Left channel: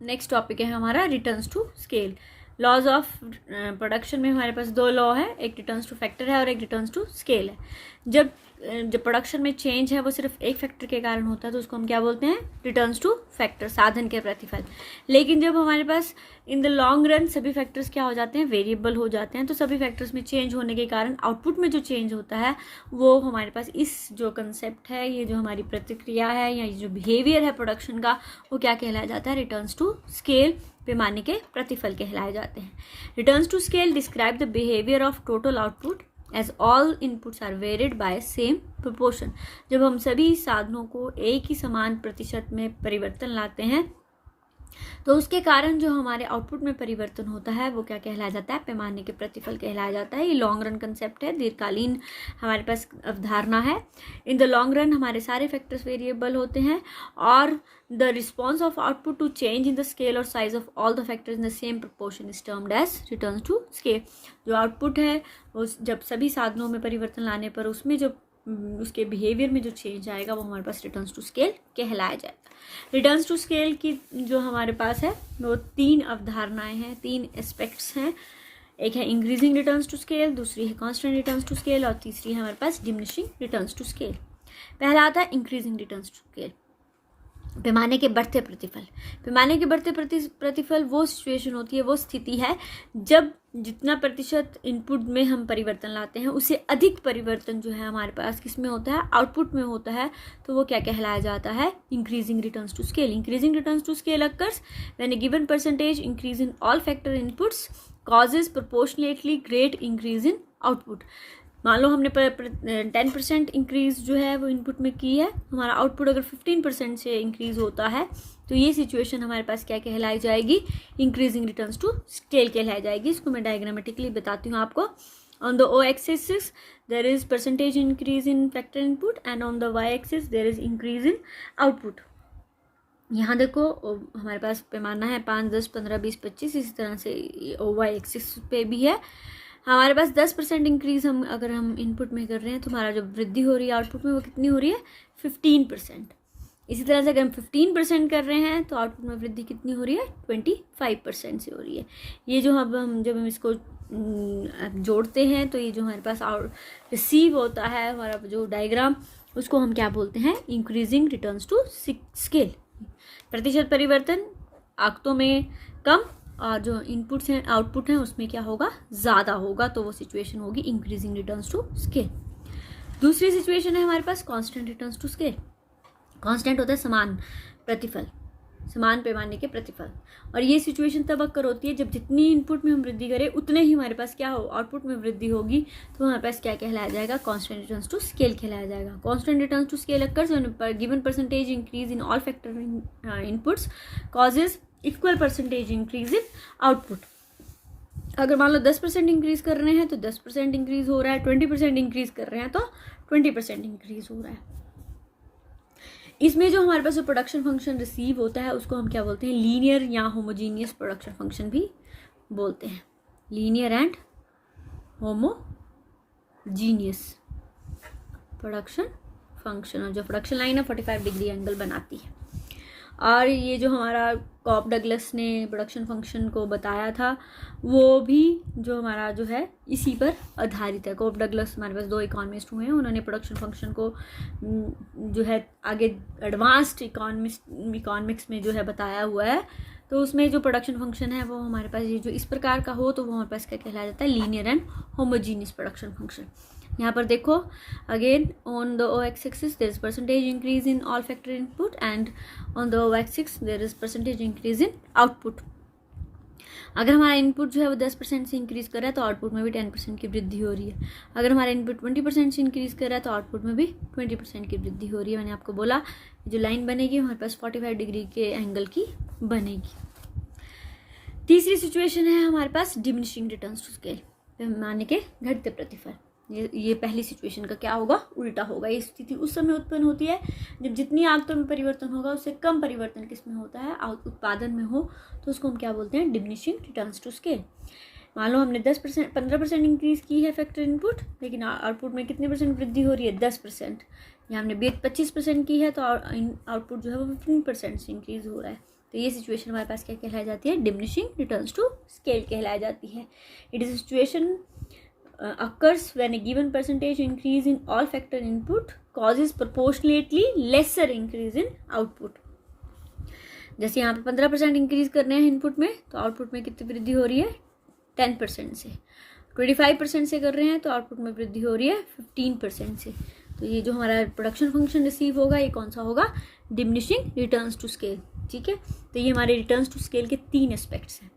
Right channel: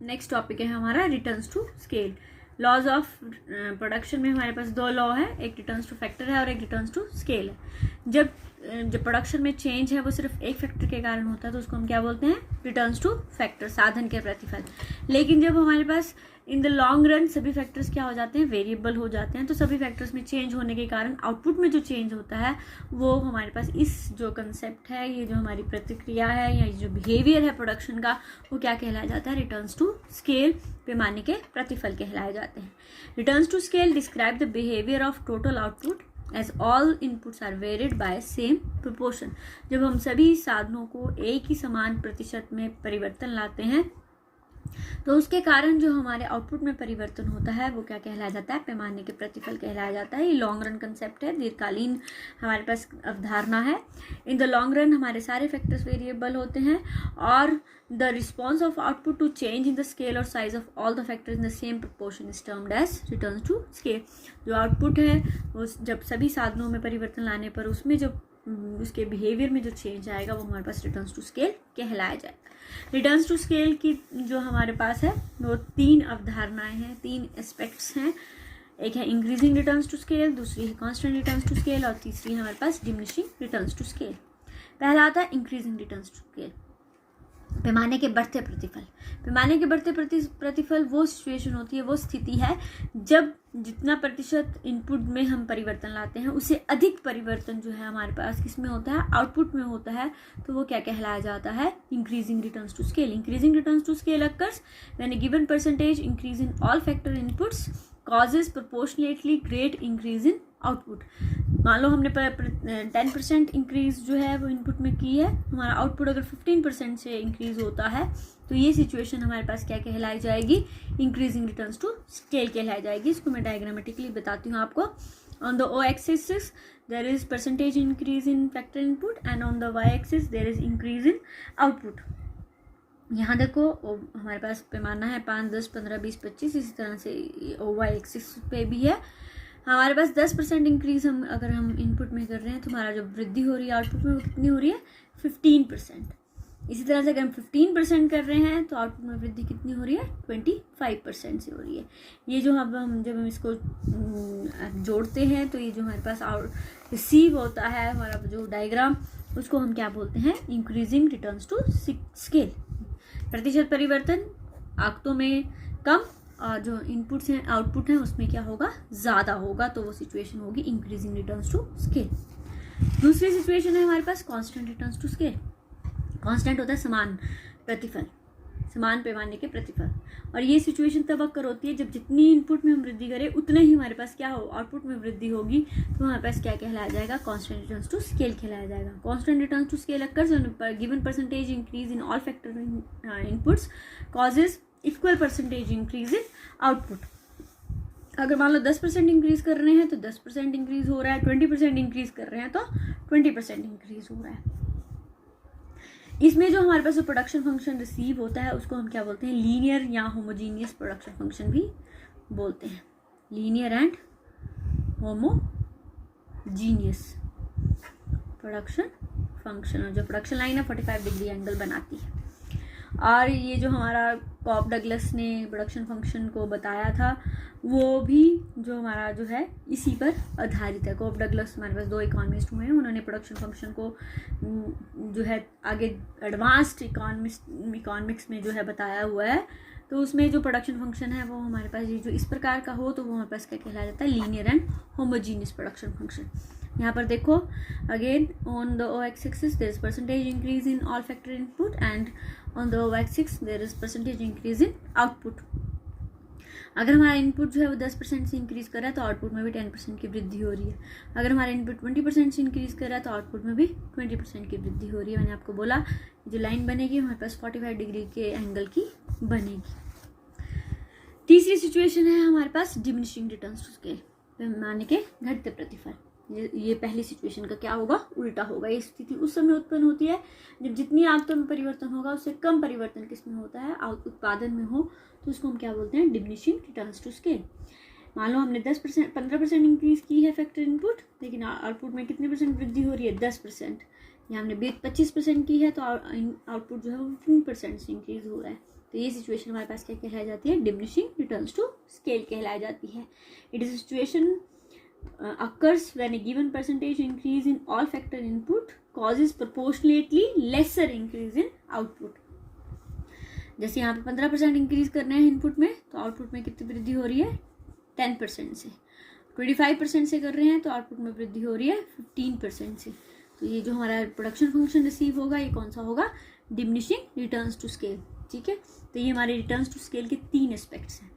Next topic है हमारा returns to scale. Laws of production में हमारे पास दो लॉ है, एक रिटर्न्स टू फैक्टर है और एक रिटर्न्स टू स्केल है। जब प्रोडक्शन में चेंज है वो सिर्फ एक फैक्टर के कारण होता है तो उसको हम क्या बोलते हैं, रिटर्न्स टू फैक्टर, साधन के प्रतिफल। लेकिन जब हमारे पास इन द लॉन्ग रन सभी फैक्टर्स क्या हो जाते हैं, वेरिएबल हो जाते हैं, तो सभी फैक्टर्स में चेंज होने के कारण आउटपुट में जो चेंज होता है वो हमारे पास इस जो कंसेप्ट है, ये जो हमारी प्रतिक्रिया है या ये जो बिहेवियर है प्रोडक्शन का, वो क्या कहलाया जाता है, रिटर्न्स टू स्केल, पैमाने के प्रतिफल कहलाए जाते हैं। Returns to scale describe the behaviour of total output as all inputs are varied by same proportion. जब हम सभी साधनों को एक ही समान प्रतिशत में परिवर्तन लाते हैं तो उसके कारण जो हमारे आउटपुट में परिवर्तन होता है वो क्या कहलाया जाता है, पैमाने के प्रतिफल कहलाया जाता है। ये लॉन्ग रन कंसेप्ट है, दीर्घकालीन हमारे पास अवधारणा है। इन द लॉन्ग रन हमारे सारे फैक्टर्स वेरिएबल होते हैं और the response of output to change in the scale और size of all the factors in the same proportion is termed as returns to scale. जो आउटपुट है वो जब सभी साधनों में परिवर्तन लाने पर उसमें जो उसके बिहेवियर में जो चेंज आएगा वो हमारे पास रिटर्न्स टू स्केल कहलाया जाएगा। रिटर्न्स टू स्केल की जो हमारे पास है वो तीन अवधारणाएं हैं, तीन एस्पेक्ट्स हैं। एक है इंक्रीजिंग रिटर्न्स टू स्केल, दूसरी है कांस्टेंट रिटर्न्स टू स्केल और तीसरी है हमारे पास डिमिनिशिंग रिटर्न्स टू स्केल। पहला आता है इंक्रीजिंग रिटर्न्स टू स्केल, पैमाने के बढ़ते प्रतिफल। पैमाने के बढ़ते प्रतिफल वो सिचुएशन होती है, वो स्थिति है जब जितना प्रतिशत इनपुट में हम परिवर्तन लाते हैं उससे अधिक परिवर्तन जो है हमारे पास किस में होता है, आउटपुट में होता है, तो वो क्या कहलाया जाता है, increasing returns to scale. Increasing returns to scale occurs when a given percentage increase in all factor inputs causes proportionately great increase in output. मान लो हमने 10% इंक्रीज जो है वो इनपुट में की है, हमारा आउटपुट अगर 15% से इंक्रीज होता है तो ये सिचुएशन हमारे पास क्या कहलाई जाएगी, इंक्रीजिंग रिटर्न्स टू स्केल कहलाई जाएगी। इसको मैं डायग्रामेटिकली बताती हूँ आपको। On the O axis there is percentage increase in factor input and on the Y axis there is increase in output. यहाँ देखो हमारे पास पैमाना है 5, 10, 15, 20, 25, इसी तरह से ओ वाई एक्सिस पे भी है। हमारे पास 10% इंक्रीज अगर हम इनपुट में कर रहे हैं तो हमारा जो वृद्धि हो रही है आउटपुट में वो कितनी हो रही है, 15%। इसी तरह से अगर हम 15% कर रहे हैं तो आउटपुट में वृद्धि कितनी हो रही है, 25% से हो रही है। ये जो हम जब हम इसको जोड़ते हैं तो ये जो हमारे पास रिसीव होता है हमारा जो डायग्राम, उसको हम क्या बोलते हैं, इंक्रीजिंग रिटर्न्स टू स्केल। प्रतिशत परिवर्तन आंकड़ों में कम और जो इनपुट्स हैं आउटपुट हैं उसमें क्या होगा, ज़्यादा होगा, तो वो सिचुएशन होगी इंक्रीजिंग रिटर्न्स टू स्केल। दूसरी सिचुएशन है हमारे पास constant returns to scale. Constant होता है समान प्रतिफल, समान पैमाने के प्रतिफल, और ये सिचुएशन तब अक्कर होती है जब जितनी इनपुट में हम वृद्धि करें उतने ही हमारे पास क्या हो, आउटपुट में वृद्धि होगी, तो हमारे पास क्या कहलाया जाएगा, कांस्टेंट रिटर्न्स टू स्केल कहलाया जाएगा। Constant returns to scale occurs when given percentage increase in all factor inputs causes equal percentage increase in output. अगर मान लो 10% इंक्रीज कर रहे हैं तो 10% इंक्रीज हो रहा है, 20% इंक्रीज कर रहे हैं तो 20% इंक्रीज हो रहा है। इसमें जो हमारे पास जो प्रोडक्शन फंक्शन रिसीव होता है उसको हम क्या बोलते हैं, लीनियर या होमोजीनियस प्रोडक्शन फंक्शन भी बोलते हैं। Linear and homogeneous production function, और जो प्रोडक्शन लाइन है 45 डिग्री एंगल बनाती है। और ये जो हमारा कॉप डगलस ने प्रोडक्शन फंक्शन को बताया था वो भी जो हमारा जो है इसी पर आधारित है। कॉप डगलस हमारे पास 2 इकोनॉमिस्ट हुए हैं, उन्होंने प्रोडक्शन फंक्शन को जो है आगे एडवांस्ड इकोनॉमिक्स में जो है बताया हुआ है। तो उसमें जो प्रोडक्शन फंक्शन है वो हमारे पास ये जो इस प्रकार का हो तो वो हमारे पास क्या कहलाया जाता है, linear and homogeneous production function. यहाँ पर देखो again on the O axis there is percentage increase in all factor input and on the O axis there is percentage increase in output. अगर हमारा इनपुट जो है वो 10% से इंक्रीज कर रहा है तो आउटपुट में भी 10% की वृद्धि हो रही है। अगर हमारा इनपुट 20% से इंक्रीज कर रहा है तो आउटपुट में भी 20% की वृद्धि हो रही है। मैंने आपको बोला जो लाइन बनेगी हमारे पास 45 डिग्री के एंगल की बनेगी। तीसरी सिचुएशन है हमारे पास डिमिनिशिंग रिटर्न्स टू स्केल, पैमाने के घटते प्रतिफल। ये पहली सिचुएशन का क्या होगा, उल्टा होगा। ये स्थिति उस समय उत्पन्न होती है जब जितनी आंकड़ों में परिवर्तन होगा उससे कम परिवर्तन किसमें होता है, उत्पादन में हो, तो उसको हम क्या बोलते हैं, डिमिनिशिंग रिटर्न्स टू स्केल। मान लो हमने 15% इंक्रीज की है फैक्टर इनपुट, लेकिन आउटपुट में कितने परसेंट वृद्धि हो रही है, 10%। या हमने 25% की है तो आउटपुट जो है वो 15% से इंक्रीज हो रहा है। तो ये सिचुएशन हमारे पास क्या कहलाई जाती है, डिमिनिशिंग रिटर्न्स टू स्केल कहलाई जाती है। It is situation occurs when a given percentage increase in all factor input causes proportionately lesser increase in output। जैसे यहाँ पे 15% इंक्रीज करने हैं इनपुट में, तो आउटपुट में कितनी वृद्धि हो रही है, 10% से। 25% से कर रहे हैं तो आउटपुट में वृद्धि हो रही है 15% से। तो ये जो हमारा प्रोडक्शन फंक्शन रिसीव होगा ये कौन सा होगा, डिमिनिशिंग रिटर्न्स टू स्केल। ठीक है, तो ये हमारे रिटर्न्स टू स्केल के 3 एस्पेक्ट्स हैं।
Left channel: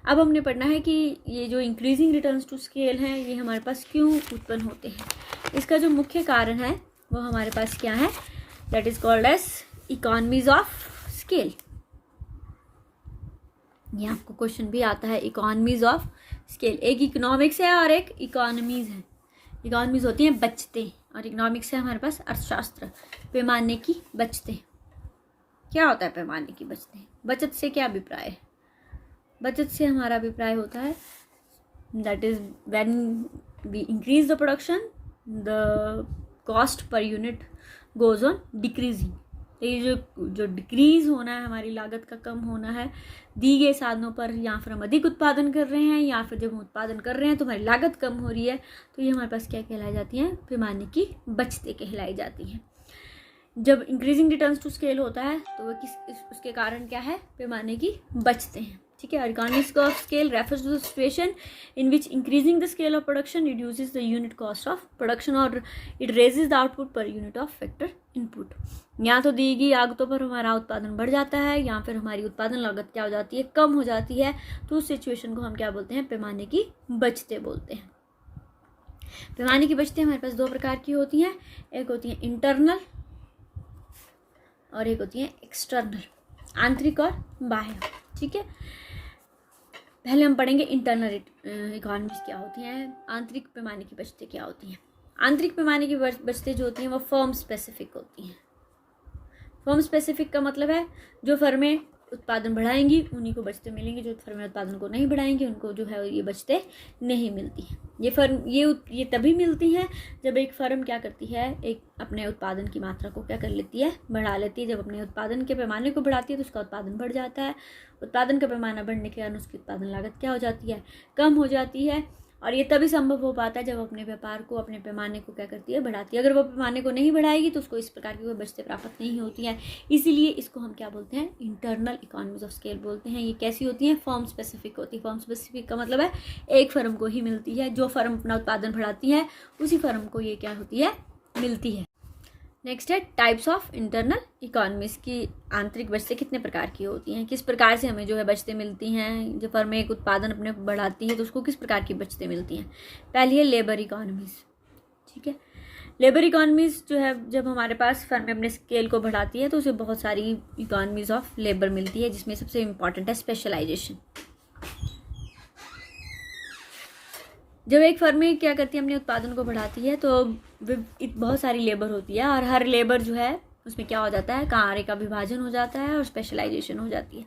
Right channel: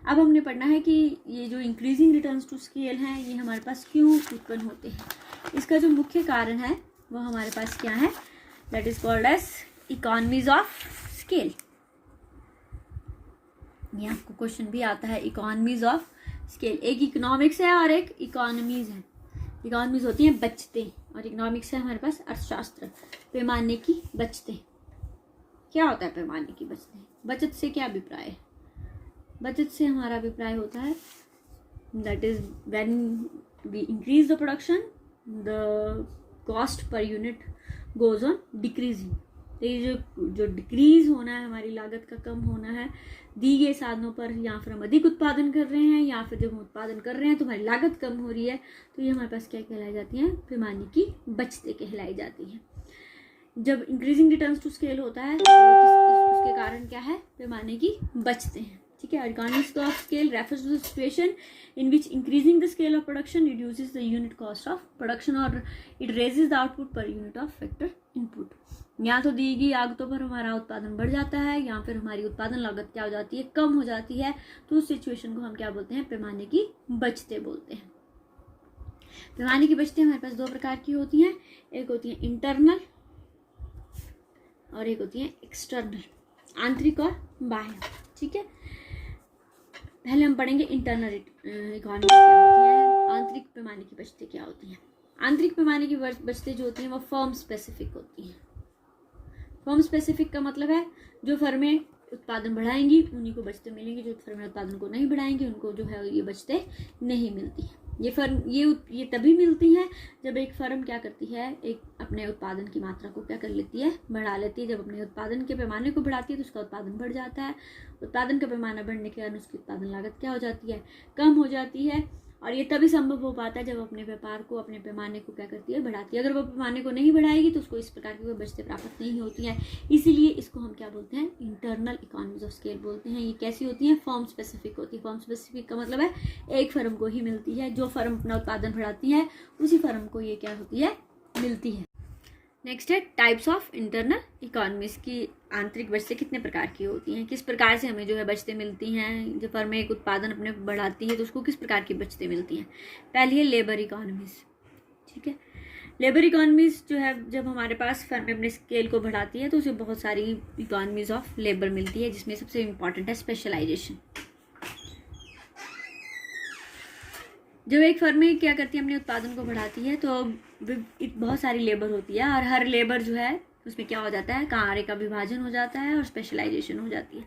अब हमने पढ़ना है कि ये जो इंक्रीजिंग रिटर्न्स टू स्केल हैं ये हमारे पास क्यों उत्पन्न होते हैं। इसका जो मुख्य कारण है वो हमारे पास क्या है, that is called as economies of scale. ये आपको क्वेश्चन भी आता है, इकोनॉमीज ऑफ स्केल। एक इकोनॉमिक्स है और एक इकोनॉमीज है। इकोनॉमीज होती हैं बचतें और इकोनॉमिक्स है हमारे पास अर्थशास्त्र, पैमाने की बचतें। क्या होता है पैमाने की बचतें, बचत से क्या अभिप्राय है, बचत से हमारा अभिप्राय होता है that is when we increase the production the cost per unit goes on decreasing. तो ये जो डिक्रीज होना है, हमारी लागत का कम होना है दी गए साधनों पर, या फिर हम अधिक उत्पादन कर रहे हैं या फिर जब हम उत्पादन कर रहे हैं तो हमारी लागत कम हो रही है, तो ये हमारे पास क्या कहलाई जाती हैं, पैमाने की बचतें कहलाई जाती हैं। जब इंक्रीजिंग रिटर्न्स टू स्केल होता है तो उसके कारण क्या है, पैमाने की बचतें हैं। ठीक है, economics of scale refers to the situation in which increasing the scale of production reduces the unit cost of production और it raises the output per unit of factor input. या तो दी गई लागतों पर हमारा उत्पादन बढ़ जाता है या फिर हमारी उत्पादन लागत क्या हो जाती है, कम हो जाती है, तो उस सिचुएशन को हम क्या बोलते हैं, पैमाने की बचतें बोलते हैं। पैमाने की बचतें हमारे पास 2 प्रकार की होती हैं, एक होती है इंटरनल और एक होती है एक्सटर्नल, आंतरिक और बाह्य। ठीक है, पहले हम पढ़ेंगे इंटरनल इकोनॉमिक्स क्या होती है, आंतरिक पैमाने की बचतें क्या होती हैं। आंतरिक पैमाने की बचतें जो होती हैं वो फर्म स्पेसिफिक होती हैं। फर्म स्पेसिफिक का मतलब है जो फर्में उत्पादन बढ़ाएंगी उन्हीं को बचतें मिलेंगी, जो फर्में उत्पादन को नहीं बढ़ाएंगी उनको जो है ये बचतें नहीं मिलती हैं। ये तभी मिलती हैं जब एक फर्म क्या करती है, एक अपने उत्पादन की मात्रा को क्या कर लेती है, बढ़ा लेती है। जब अपने उत्पादन के पैमाने को बढ़ाती है तो उसका उत्पादन बढ़ जाता है। उत्पादन का पैमाना बढ़ने के कारण उसकी उत्पादन लागत क्या हो जाती है, कम हो जाती है। और ये तभी संभव हो पाता है जब अपने व्यापार को, अपने पैमाने को क्या करती है, बढ़ाती है। अगर वो पैमाने को नहीं बढ़ाएगी तो उसको इस प्रकार की कोई बचतें प्राप्त नहीं होती हैं। इसीलिए इसको हम क्या बोलते हैं, इंटरनल इकोनॉमीज ऑफ स्केल बोलते हैं। ये कैसी होती है, फर्म स्पेसिफिक होती है। फर्म स्पेसिफिक का मतलब है एक फर्म को ही मिलती है, जो फर्म अपना उत्पादन बढ़ाती है उसी फर्म को ये क्या होती है, मिलती है। नेक्स्ट है टाइप्स ऑफ इंटरनल इकोनॉमीज की आंतरिक बचतें कितने प्रकार की होती हैं, किस प्रकार से हमें जो है बचतें मिलती हैं। जो फर्में एक उत्पादन अपने बढ़ाती है तो उसको किस प्रकार की बचतें मिलती हैं। पहली है लेबर इकोनॉमीज। ठीक है, लेबर इकोनॉमीज जो है जब हमारे पास फर्में अपने स्केल को बढ़ाती है तो उसे बहुत सारी इकोनॉमीज ऑफ लेबर मिलती है, जिसमें सबसे इम्पॉर्टेंट है स्पेशलाइजेशन। जब एक फर्म क्या करती है, अपने उत्पादन को बढ़ाती है तो बहुत सारी लेबर होती है और हर लेबर जो है उसमें क्या हो जाता है, कार्य का विभाजन हो जाता है और स्पेशलाइजेशन हो जाती है।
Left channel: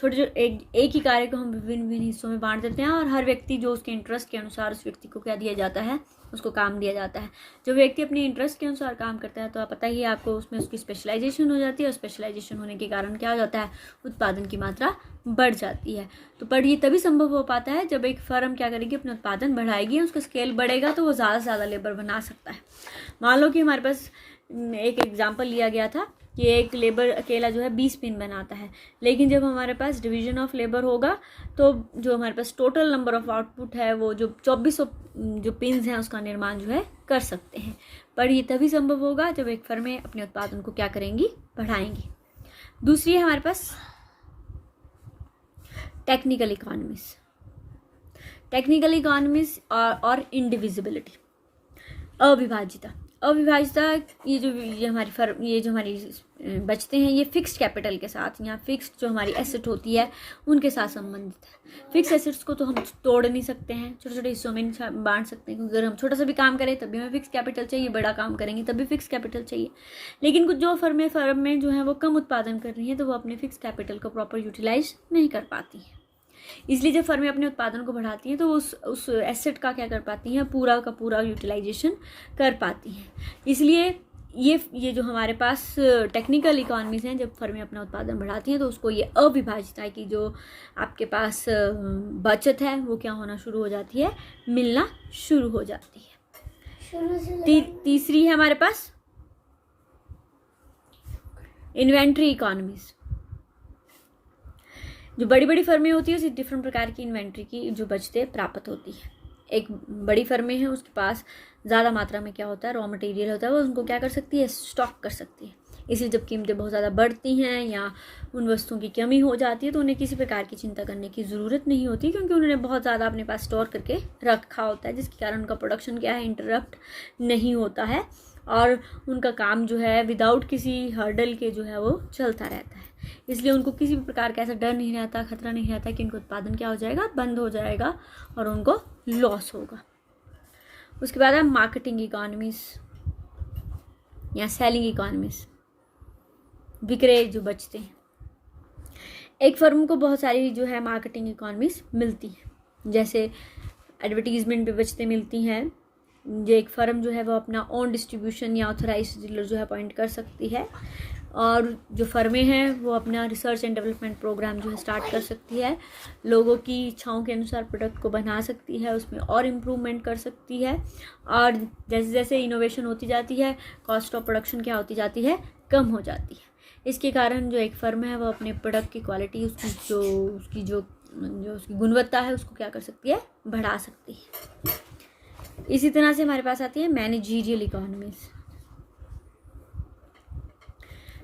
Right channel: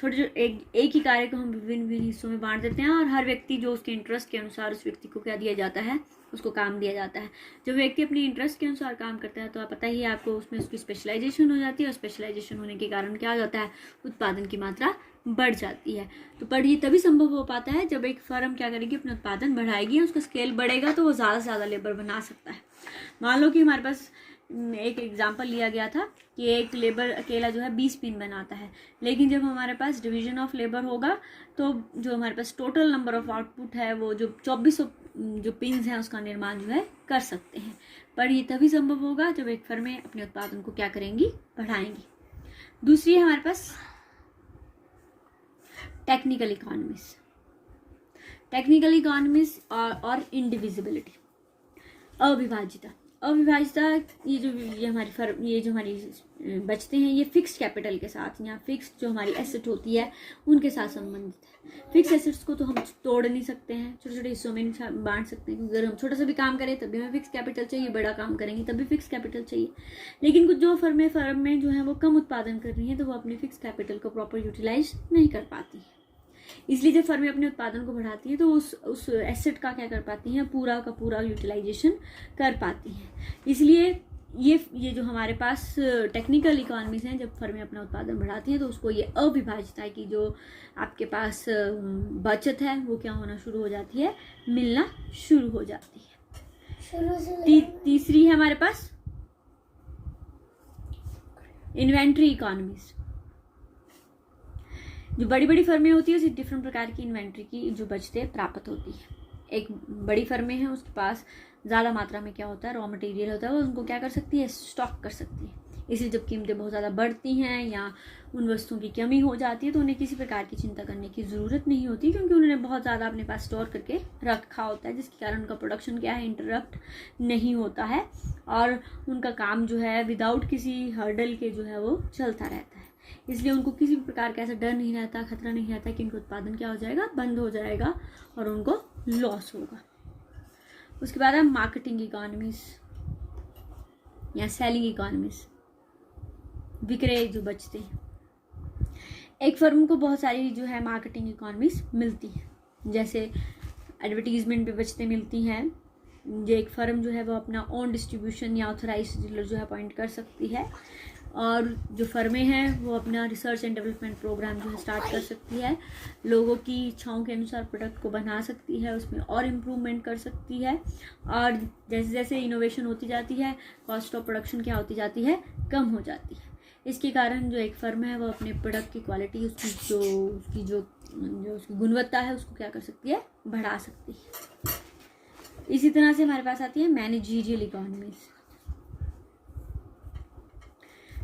छोटे एक ही कार्य को हम विभिन्न हिस्सों में बांट देते हैं और हर व्यक्ति जो उसके इंटरेस्ट के अनुसार उस व्यक्ति को क्या दिया जाता है, उसको काम दिया जाता है। जो व्यक्ति अपने इंटरेस्ट के अनुसार काम करता है तो आप पता ही है आपको, उसमें उसकी स्पेशलाइजेशन हो जाती है और स्पेशलाइजेशन होने के कारण क्या हो जाता है, उत्पादन की मात्रा बढ़ जाती है। तो पर ये तभी संभव हो पाता है जब एक फर्म क्या करेगी, अपना उत्पादन बढ़ाएगी, उसका स्केल बढ़ेगा तो वो ज़्यादा से ज़्यादा लेबर बना सकता है। मान लो कि हमारे पास एक एग्जाम्पल लिया गया था कि एक लेबर अकेला जो है 20 पिन बनाता है, लेकिन जब हमारे पास डिवीजन ऑफ लेबर होगा तो जो हमारे पास टोटल नंबर ऑफ आउटपुट है वो जो 2400 जो पिन्स हैं उसका निर्माण जो है कर सकते हैं। पर ये तभी संभव होगा जब एक फर्में अपने उत्पादन को क्या करेंगी, बढ़ाएंगी। दूसरी है हमारे पास टेक्निकल इकोनॉमीज। टेक्निकल इकोनॉमीज और इंडिविजिबिलिटी, अविभाज्यता। ये जो हमारी बचते हैं ये फिक्स्ड कैपिटल के साथ या फिक्स्ड जो हमारी एसेट होती है उनके साथ संबंधित है। फिक्स एसेट्स को तो हम तोड़ नहीं सकते हैं, छोटे छोटे हिस्सों में बांट सकते हैं, क्योंकि अगर हम छोटा सा भी काम करें तब भी हमें फिक्स कैपिटल चाहिए, बड़ा काम करेंगे तब भी फिक्स कैपिटल चाहिए। लेकिन कुछ जो फर्म में जो है वो कम उत्पादन कर रही है तो वो अपने फिक्स कैपिटल को प्रॉपर यूटिलाइज नहीं कर पाती है। इसलिए जब फर्में अपने उत्पादन को बढ़ाती हैं तो उस एसेट का क्या कर पाती हैं, पूरा का पूरा यूटिलाइजेशन कर पाती हैं। इसलिए ये जो हमारे पास टेक्निकल इकोनॉमीज हैं, जब फर्में अपना उत्पादन बढ़ाती हैं तो उसको ये अविभाज्यता की जो आपके पास बचत है वो क्या होना शुरू हो जाती है, मिलना शुरू हो जाती है। तीसरी है हमारे पास इन्वेंट्री इकोनॉमीज। जो बड़ी बड़ी फर्में होती है उसे डिफरेंट प्रकार की इन्वेंट्री की जो बचतें प्राप्त होती है। एक बड़ी फर्में हैं, उसके पास ज़्यादा मात्रा में क्या होता है, रॉ मटेरियल होता है, वो उनको क्या कर सकती है, स्टॉक कर सकती है। इसलिए जब कीमतें बहुत ज़्यादा बढ़ती हैं या उन वस्तुओं की कमी हो जाती है तो उन्हें किसी प्रकार की चिंता करने की ज़रूरत नहीं होती, क्योंकि उन्होंने बहुत ज़्यादा अपने पास स्टोर करके रखा होता है, जिसके कारण उनका प्रोडक्शन क्या है, इंटरप्ट नहीं होता है और उनका काम जो है विदाउट किसी हर्डल के जो है वो चलता रहता है। इसलिए उनको किसी भी प्रकार का ऐसा डर नहीं रहता, खतरा नहीं रहता कि उनका उत्पादन क्या हो जाएगा, बंद हो जाएगा और उनको लॉस होगा। उसके बाद है मार्केटिंग इकोनॉमीज या सेलिंग इकोनॉमीज, विक्रय जो बचते हैं। एक फर्म को बहुत सारी जो है मार्केटिंग इकोनॉमीज मिलती हैं, जैसे एडवर्टीजमेंट पे बचतें मिलती हैं। जो एक फर्म जो है वो अपना ओन डिस्ट्रीब्यूशन या ऑथराइज्ड डीलर जो है अपॉइंट कर सकती है, और जो फर्में हैं वो अपना रिसर्च एंड डेवलपमेंट प्रोग्राम जो है स्टार्ट कर सकती है, लोगों की इच्छाओं के अनुसार प्रोडक्ट को बना सकती है, उसमें और इम्प्रूवमेंट कर सकती है, और जैसे जैसे इनोवेशन होती जाती है कॉस्ट ऑफ प्रोडक्शन क्या होती जाती है, कम हो जाती है। इसके कारण जो एक फर्म है वो अपने प्रोडक्ट की क्वालिटी, उसकी गुणवत्ता है उसको क्या कर सकती है, बढ़ा सकती है। इसी तरह से हमारे पास आती है मैनेजरियल इकोनॉमीज।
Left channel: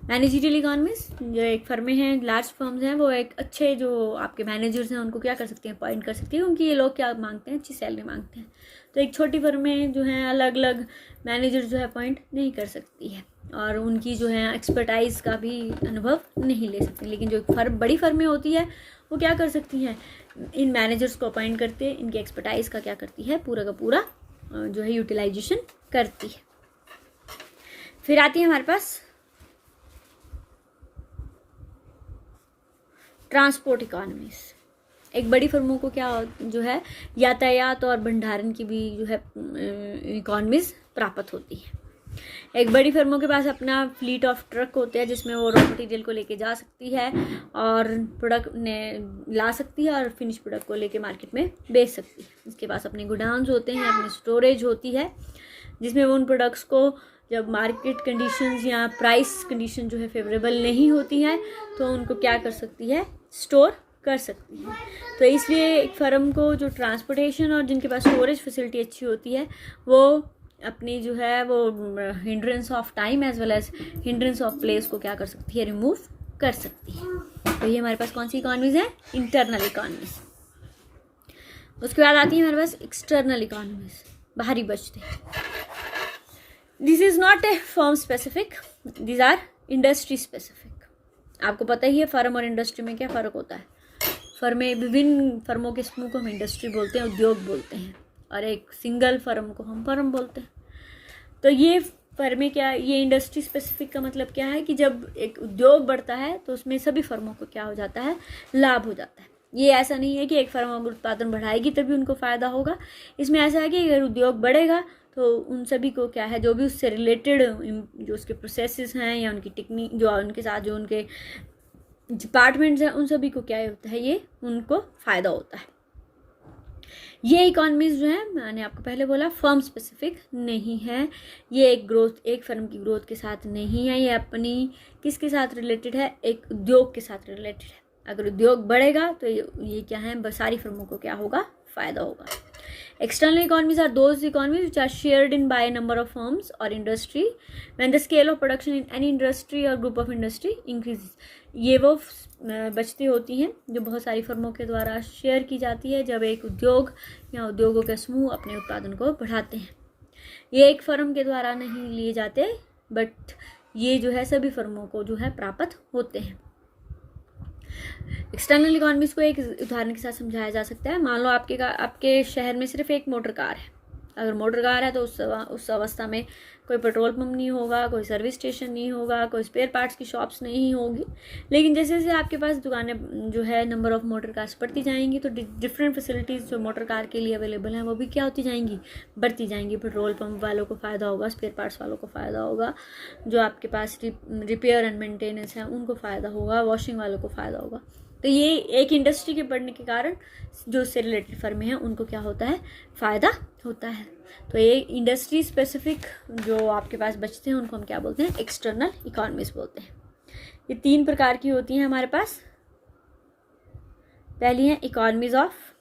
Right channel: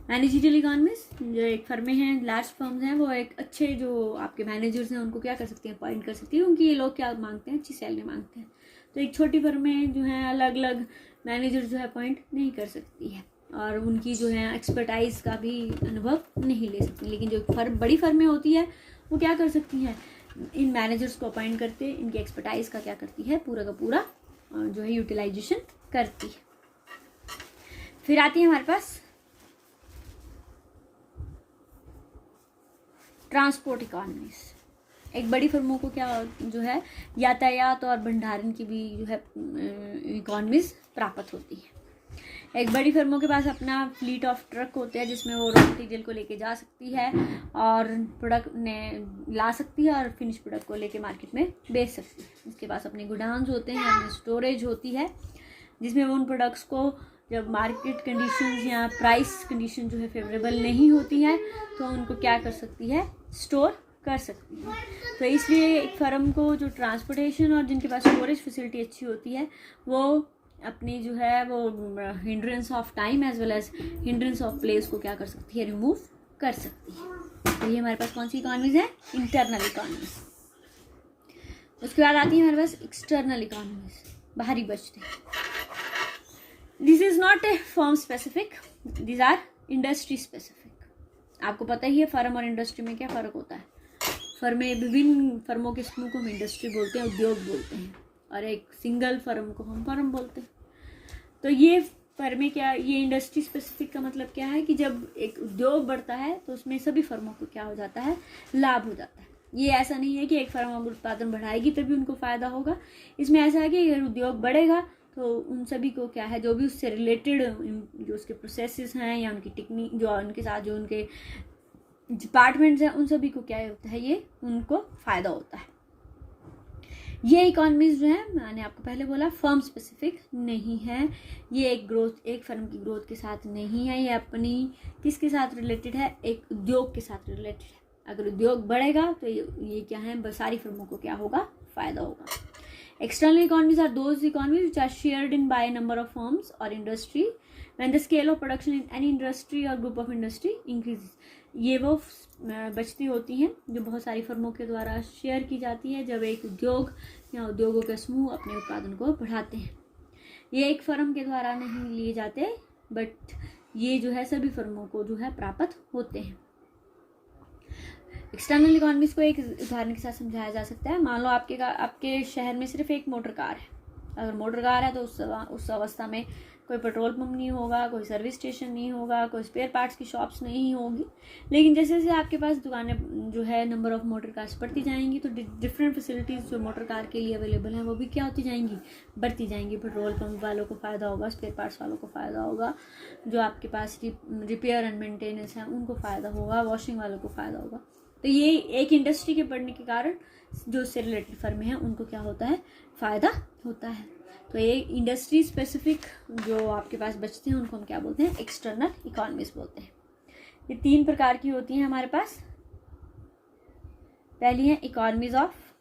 मैनेजरियल इकोनॉमीज जो एक फर्में हैं, लार्ज फर्म्स हैं, वो एक अच्छे जो आपके मैनेजर्स हैं उनको क्या कर सकती हैं, अपॉइंट कर सकती है, क्योंकि ये लोग क्या मांगते हैं, अच्छी सैलरी मांगते हैं। तो एक छोटी फर्में जो हैं अलग अलग मैनेजर जो है अपॉइंट नहीं कर सकती है और उनकी जो है एक्सपर्टाइज का भी अनुभव नहीं ले सकती। लेकिन जो बड़ी फर्में होती है वो क्या कर सकती हैं, इन मैनेजर्स को अपॉइंट करते, इनकी एक्सपर्टाइज का क्या करती है, पूरा का पूरा जो है यूटिलाइजेशन करती है। फिर आती है हमारे पास ट्रांसपोर्ट इकोनॉमीज। एक बड़ी फर्मों को क्या जो है यातायात और भंडारण की भी जो है इकोनॉमीज प्राप्त होती है। एक बड़ी फर्मों के पास अपना फ्लीट ऑफ ट्रक होते हैं जिसमें वो रॉ मटेरियल को लेके जा सकती है और प्रोडक्ट ने ला सकती है और फिनिश प्रोडक्ट को लेके मार्केट में बेच सकती है। इसके पास अपने गोडाउन्स होते हैं, अपनी स्टोरेज होती है, जिसमें वो उन प्रोडक्ट्स को जब मार्केट कंडीशंस या प्राइस कंडीशन जो है फेवरेबल नहीं होती है तो उनको क्या कर सकती है, स्टोर कर सकती है। तो इसलिए एक फर्म को जो ट्रांसपोर्टेशन और जिनके पास स्टोरेज फैसिलिटी अच्छी होती है वो अपनी जो है वो hindrance of time as well as hindrance of place को क्या कर सकती है, रिमूव कर सकती है। तो ये हमारे पास कौन सी इकोनॉमीज है, इंटरनल इकोनॉमीज। उसके बाद आती है हमारे पास एक्सटर्नल इकोनॉमीज, बाहरी बचते। This is not a firm specific, this our industry specific. आपको पता ही है फर्म और इंडस्ट्री में क्या फ़र्क होता है। फर्में, विभिन्न फर्मों के समूह को हम इंडस्ट्री बोलते हैं, उद्योग बोलते हैं, और एक सिंगल फर्म को हम फर्म बोलते हैं। तो ये फर्में क्या, ये इंडस्ट्री स्पेसिफिक का मतलब क्या है कि जब एक उद्योग बढ़ता है तो उसमें सभी फर्मों को क्या हो जाता है, लाभ हो जाता है। ये ऐसा नहीं है कि एक फर्म अगर उत्पादन बढ़ाएगी तभी उनको फ़ायदा होगा। इसमें ऐसा है कि अगर उद्योग बढ़ेगा तो उन सभी को क्या है, जो भी उससे रिलेटेड जो उसके प्रोसेसेस हैं या उनकी टेक्निक, जो उनके साथ जो उनके डिपार्टमेंट्स हैं, उन सभी को क्या होता है, ये उनको फ़ायदा होता है। ये इकोनॉमीज जो है, मैंने आपको पहले बोला, फर्म स्पेसिफिक नहीं है। ये एक फर्म की ग्रोथ के साथ नहीं है, ये अपनी किसके साथ रिलेटेड है, एक उद्योग के साथ रिलेटेड है। अगर उद्योग बढ़ेगा तो ये क्या है, सारी फर्मों को क्या होगा, फ़ायदा होगा। External economies are those economies which are shared in by a number of firms or industry when the scale of production in any industry or group of industry increases. ये वो बचती होती हैं जो बहुत सारी फर्मों के द्वारा शेयर की जाती है जब एक उद्योग या उद्योगों के समूह अपने उत्पादन को बढ़ाते हैं। ये एक फर्म के द्वारा नहीं लिए जाते, बट ये जो है सभी फर्मों को जो है प्राप्त होते हैं। एक्सटर्नल इकोनॉमीज को एक उदाहरण के साथ समझाया जा सकता है। मान लो आपके शहर में सिर्फ एक मोटर कार है। अगर मोटर कार है तो उस अवस्था में कोई पेट्रोल पंप नहीं होगा, कोई सर्विस स्टेशन नहीं होगा, कोई स्पेयर पार्ट्स की शॉप्स नहीं होगी। लेकिन जैसे जैसे आपके पास दुकानें जो है नंबर ऑफ़ मोटर कार्स बढ़ती जाएंगी, तो डिफरेंट फैसिलिटीज़ जो मोटर कार के लिए अवेलेबल हैं वो भी क्या होती जाएंगी, बढ़ती जाएंगी। पेट्रोल पंप वालों को फ़ायदा होगा, स्पेयर पार्ट्स वालों को फ़ायदा होगा, जो आपके पास रिपेयर एंड मेंटेनेंस है उनको फ़ायदा होगा, वॉशिंग वालों को फ़ायदा होगा। तो ये एक इंडस्ट्री के बढ़ने के कारण जो उससे रिलेटेड फर्में हैं उनको क्या होता है, फ़ायदा होता है। तो ये इंडस्ट्री स्पेसिफिक जो आपके पास बचते हैं उनको हम क्या बोलते हैं, एक्सटर्नल इकोनॉमीज बोलते हैं। ये 3 प्रकार की होती हैं हमारे पास। पहली है इकोनॉमीज ऑफ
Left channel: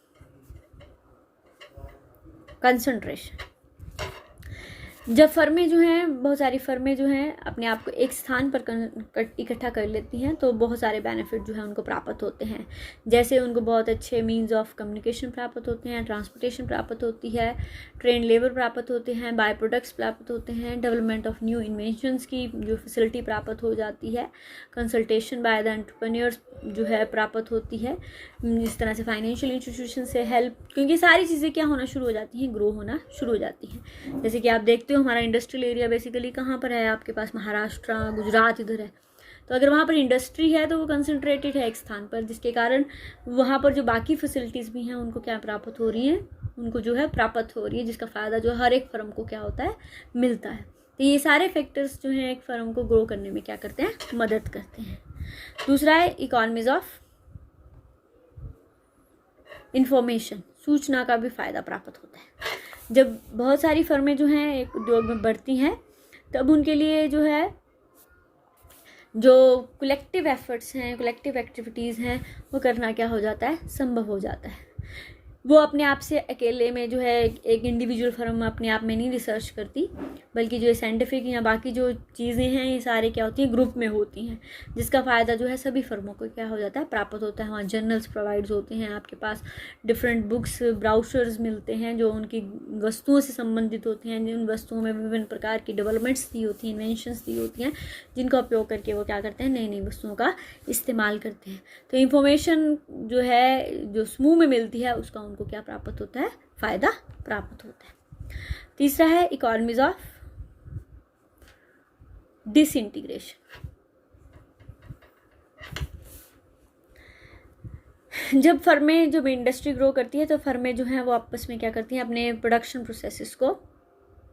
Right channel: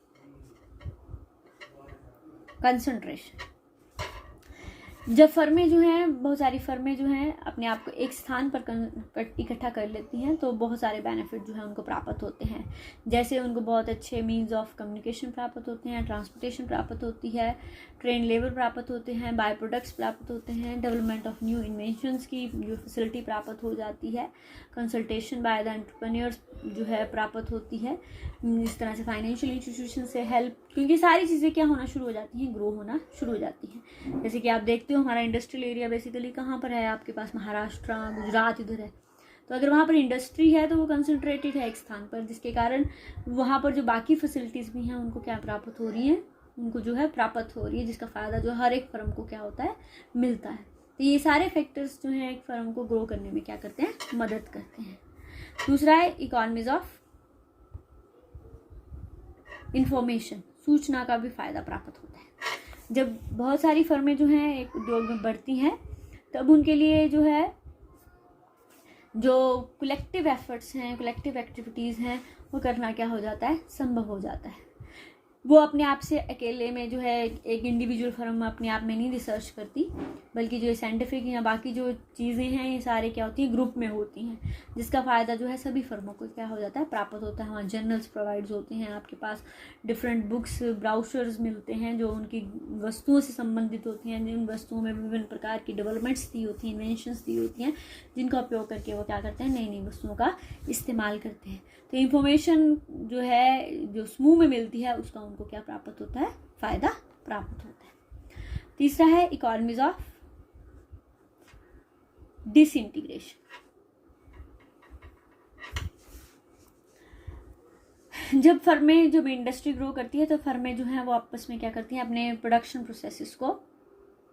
कंसंट्रेशन। जब फर्में जो हैं, बहुत सारी फर्में जो हैं अपने आप को एक स्थान पर इकट्ठा कर लेती हैं, तो बहुत सारे बेनिफिट जो है उनको प्राप्त होते हैं। जैसे उनको बहुत अच्छे मींस ऑफ कम्युनिकेशन प्राप्त होते हैं, ट्रांसपोर्टेशन प्राप्त होती है, ट्रेन लेबर प्राप्त होते हैं, बाय प्रोडक्ट्स प्राप्त होते हैं, डेवलपमेंट ऑफ न्यू इन्वेंशंस की जो फैसिलिटी प्राप्त हो जाती है, कंसल्टेशन बाय द एंटरप्रेन्योर्स जो है प्राप्त होती है, इस तरह से फाइनेंशियल इंस्टीट्यूशन से हेल्प, क्योंकि सारी चीज़ें क्या होना शुरू हो जाती हैं, ग्रो होना शुरू हो जाती हैं। जैसे कि आप देखते हो हमारा इंडस्ट्रियल एरिया बेसिकली कहाँ पर है, आपके पास महाराष्ट्र, गुजरात इधर है। तो अगर वहाँ पर इंडस्ट्री है तो वो कंसंट्रेटेड है एक स्थान पर, जिसके कारण वहाँ पर जो बाकी फैसिलिटीज़ भी हैं उनको क्या प्राप्त हो रही हैं, उनको जो है प्राप्त हो रही है, जिसका फ़ायदा जो हर एक फर्म को क्या होता है, मिलता है। तो ये सारे फैक्टर्स जो हैं एक फर्म को ग्रो करने में क्या करते हैं, मदद करते हैं। दूसरा है इकोनॉमीज ऑफ इंफॉर्मेशन, सूचना का भी फ़ायदा प्राप्त होता है। जब बहुत सारी फर्में जो हैं एक उद्योग में बढ़ती हैं, तब उनके लिए जो है जो कलेक्टिव एफर्ट्स हैं, कलेक्टिव एक्टिविटीज़ हैं, वो करना क्या हो जाता है, संभव हो जाता है। वो अपने आप से अकेले में जो है एक इंडिविजुअल फर्म अपने आप में नहीं रिसर्च करती, बल्कि जो साइंटिफिक या बाकी जो चीज़ें हैं ये सारे क्या होती हैं, ग्रुप में होती हैं, जिसका फ़ायदा जो है सभी फर्मों को क्या हो जाता है, प्राप्त होता है। वहाँ जर्नल्स प्रोवाइड्स होते हैं, आपके पास डिफरेंट बुक्स, ब्राउचर्स मिलते हैं जो उनकी वस्तुओं से संबंधित होती हैं, जिन वस्तुओं में विभिन्न प्रकार की डेवलपमेंट्स दी होती हैं, इन्वेंशंस दी होती हैं, जिनका उपयोग करके वो क्या करते हैं, नई नई वस्तुओं का इस्तेमाल करते हैं। तो इंफॉर्मेशन जो है जो समूह में मिलती है उसका उनको क्या प्राप्त होता है, फ़ायदा प्राप्त होता है। तीसरा है इकोनॉमीज ऑफ डिसइंटीग्रेशन। जब इंडस्ट्री ग्रो करती है तो फर्में जो हैं वो आपस में क्या करती हैं, अपने प्रोडक्शन प्रोसेसेस को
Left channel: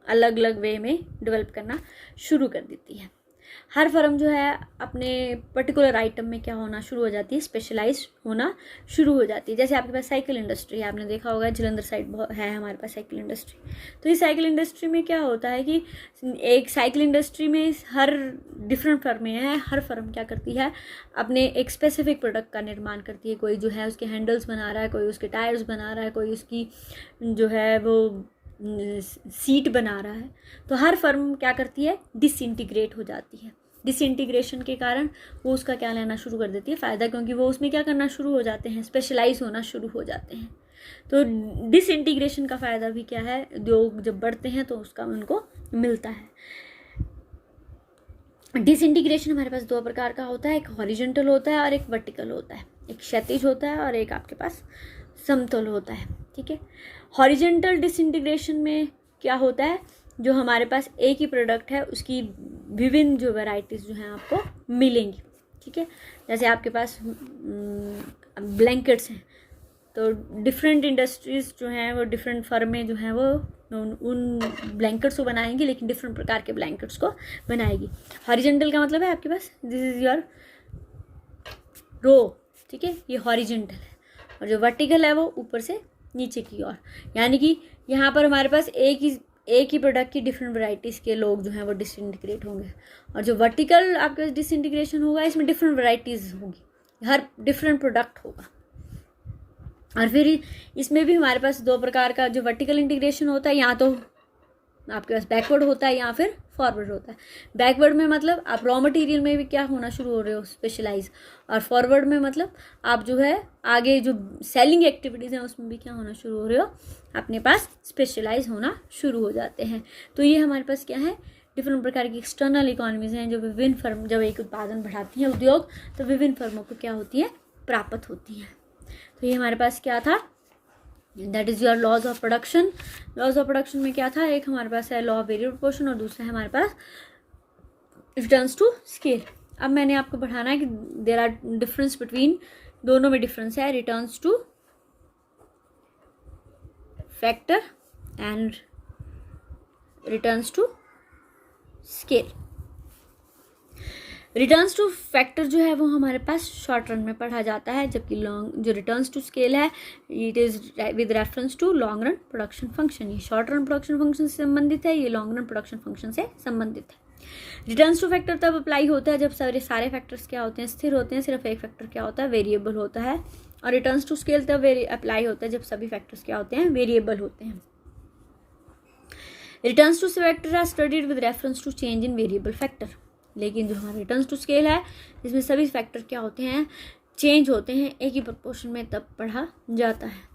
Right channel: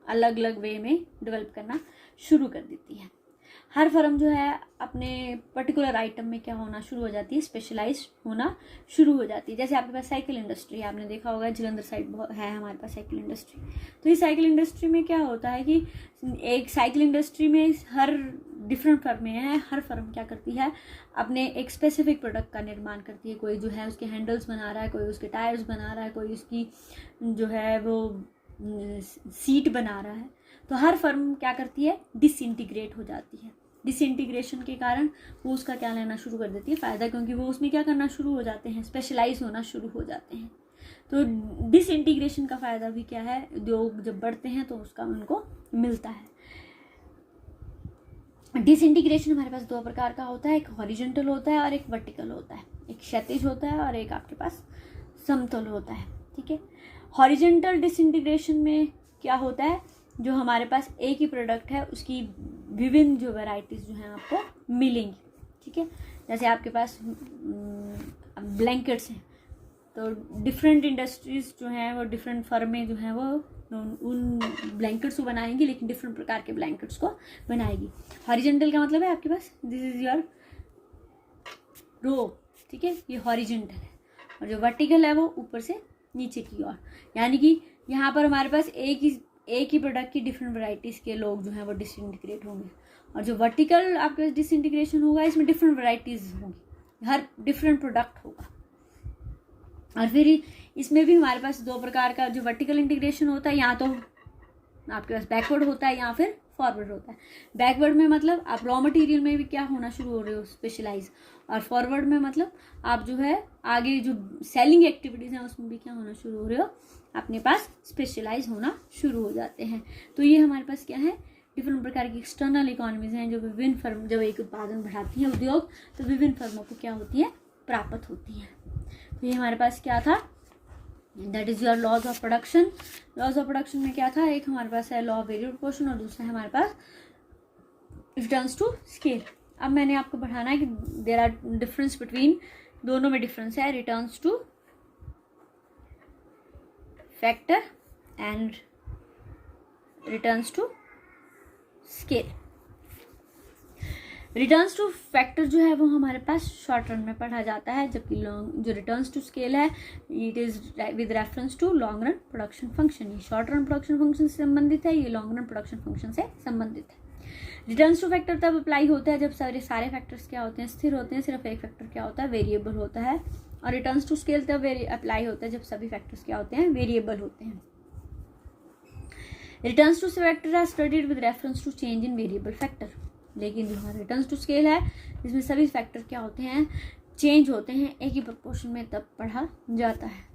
अलग अलग वे में डेवलप करना शुरू कर देती है। हर फर्म जो है अपने पर्टिकुलर आइटम में क्या होना शुरू हो जाती है, स्पेशलाइज होना शुरू हो जाती है। जैसे आपके पास साइकिल इंडस्ट्री है, आपने देखा होगा जलंधर साइड है हमारे पास साइकिल इंडस्ट्री। तो इस साइकिल इंडस्ट्री में क्या होता है कि एक साइकिल इंडस्ट्री में हर डिफरेंट फर्में हैं, हर फर्म क्या करती है, अपने एक स्पेसिफिक प्रोडक्ट का निर्माण करती है। कोई जो है उसके हैंडल्स बना रहा है, कोई उसके टायर्स बना रहा है, कोई उसकी जो है वो सीट बना रहा है। तो हर फर्म क्या करती है, डिसइंटीग्रेट हो जाती है। डिसइंटीग्रेशन के कारण वो उसका क्या लेना शुरू कर देती है, फ़ायदा, क्योंकि वो उसमें क्या करना शुरू हो जाते हैं, स्पेशलाइज होना शुरू हो जाते हैं। तो डिसइंटीग्रेशन का फ़ायदा भी क्या है, उद्योग जब बढ़ते हैं तो उसका उनको मिलता है। डिसइंटीग्रेशन हमारे पास 2 प्रकार का होता है, एक हॉरिजॉन्टल होता है और एक वर्टिकल होता है। एक क्षैतिज होता है और एक आपके पास समतल होता है। ठीक है, हॉरिजॉन्टल डिसइंटीग्रेशन में क्या होता है, जो हमारे पास एक ही प्रोडक्ट है उसकी विभिन्न जो वैरायटीज़ जो हैं आपको मिलेंगी। ठीक है, जैसे आपके पास ब्लैंकेट्स हैं, तो डिफरेंट इंडस्ट्रीज़ जो हैं वो डिफरेंट फर्में जो हैं वो उन ब्लैंकेट्स को बनाएंगी, लेकिन डिफरेंट प्रकार के ब्लैंकेट्स को बनाएगी। हॉरिजॉन्टल का मतलब है आपके पास दिस इज़ योर रो। ठीक है, ये हॉरिजॉन्टल है, और जो वर्टिकल है वो ऊपर से नीचे की ओर, यानी कि यहाँ पर हमारे पास एक ही प्रोडक्ट की डिफरेंट वैरायटीज़ के लोग जो हैं वो डिसइंटीग्रेट होंगे, और जो वर्टिकल आपके पास डिसइंटीग्रेशन होगा इसमें डिफरेंट वैरायटीज़ होंगी, हर डिफरेंट प्रोडक्ट होगा। और फिर इसमें भी हमारे पास 2 प्रकार का जो वर्टिकल इंटीग्रेशन होता है, या तो आपके पास बैकवर्ड होता है या फिर फॉरवर्ड होता है। बैकवर्ड में मतलब आप रॉ मटेरियल में भी क्या होना शुरू हो रहे हो, स्पेशलाइज, और फॉरवर्ड में मतलब आप जो है आगे जो सेलिंग एक्टिविटीज़ हैं उसमें भी क्या होना शुरू हो रहे हो, अपने पास स्पेशलाइज होना शुरू हो जाते हैं। तो ये हमारे पास क्या है, डिफरेंट प्रकार की एक्सटर्नल इकोनॉमीज़ हैं जो विभिन्न फर्म जब एक उत्पादन बढ़ाती हैं उद्योग, तो विभिन्न फर्मों को क्या होती है, प्राप्त होती हैं। तो ये हमारे पास क्या था, that is your laws of production. Laws of production में क्या था, एक हमारे पास है लॉ ऑफ वेरिएबल प्रोपोर्शन और दूसरा है हमारे पास रिटर्न्स टू स्केल। अब मैंने आपको बढ़ाना है कि देयर आर डिफरेंस बिटवीन, दोनों में डिफरेंस है, returns to factor and returns to scale. Returns to factor जो है वो हमारे पास शॉर्ट रन में पढ़ा जाता है, जबकि लॉन्ग जो रिटर्न्स टू स्केल है it is with reference to long run production function. ये शॉर्ट रन प्रोडक्शन फंक्शन से संबंधित है, ये लॉन्ग रन प्रोडक्शन फंक्शन से संबंधित है। रिटर्न्स टू फैक्टर तब अप्लाई होता है जब सारे फैक्टर्स क्या होते हैं, स्थिर होते हैं, सिर्फ एक फैक्टर क्या होता है, वेरिएबल होता है। और रिटर्न्स टू स्केल तब अप्लाई होता है जब सभी फैक्टर्स क्या होते हैं, वेरिएबल होते हैं। Returns to factor are studied with reference to change in variable factor. लेकिन जो हमारा रिटर्न्स टू स्केल है इसमें सभी फैक्टर क्या होते हैं, चेंज होते हैं, एक ही प्रोपोर्शन में तब पढ़ा जाता है।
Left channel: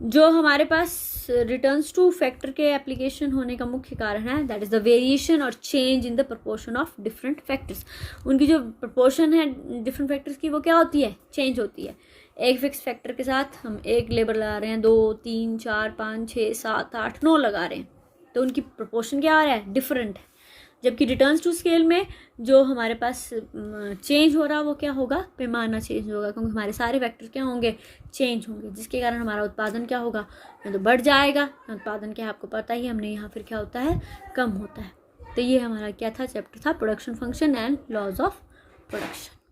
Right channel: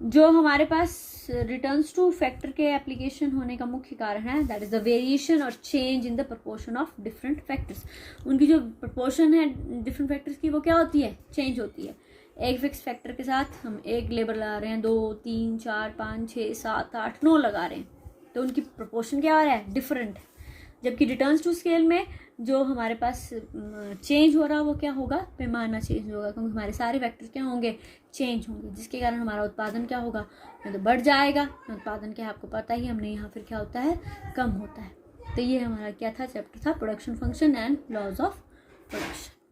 जो हमारे पास रिटर्न्स टू फैक्टर के एप्लीकेशन होने का मुख्य कारण है दैट इज द वेरिएशन और change in the proportion of different factors. उनकी जो प्रोपोर्शन है डिफरेंट फैक्टर्स की वो क्या होती है, चेंज होती है। एक फिक्स फैक्टर के साथ हम एक लेबर लगा रहे हैं, 2 3 4 5 6 7 8 9 लगा रहे हैं, तो उनकी प्रोपोर्शन क्या आ रहा है, डिफरेंट है। जबकि रिटर्न्स टू स्केल में जो हमारे पास चेंज हो रहा है वो क्या होगा, पैमाना चेंज होगा, क्योंकि हमारे सारे फैक्टर क्या होंगे, चेंज होंगे, जिसके कारण हमारा उत्पादन क्या होगा, या तो बढ़ जाएगा, उत्पादन क्या आपको पता ही, हमने यहाँ फिर क्या होता है, कम होता है। तो ये हमारा क्या था, चैप्टर था production function and laws of production.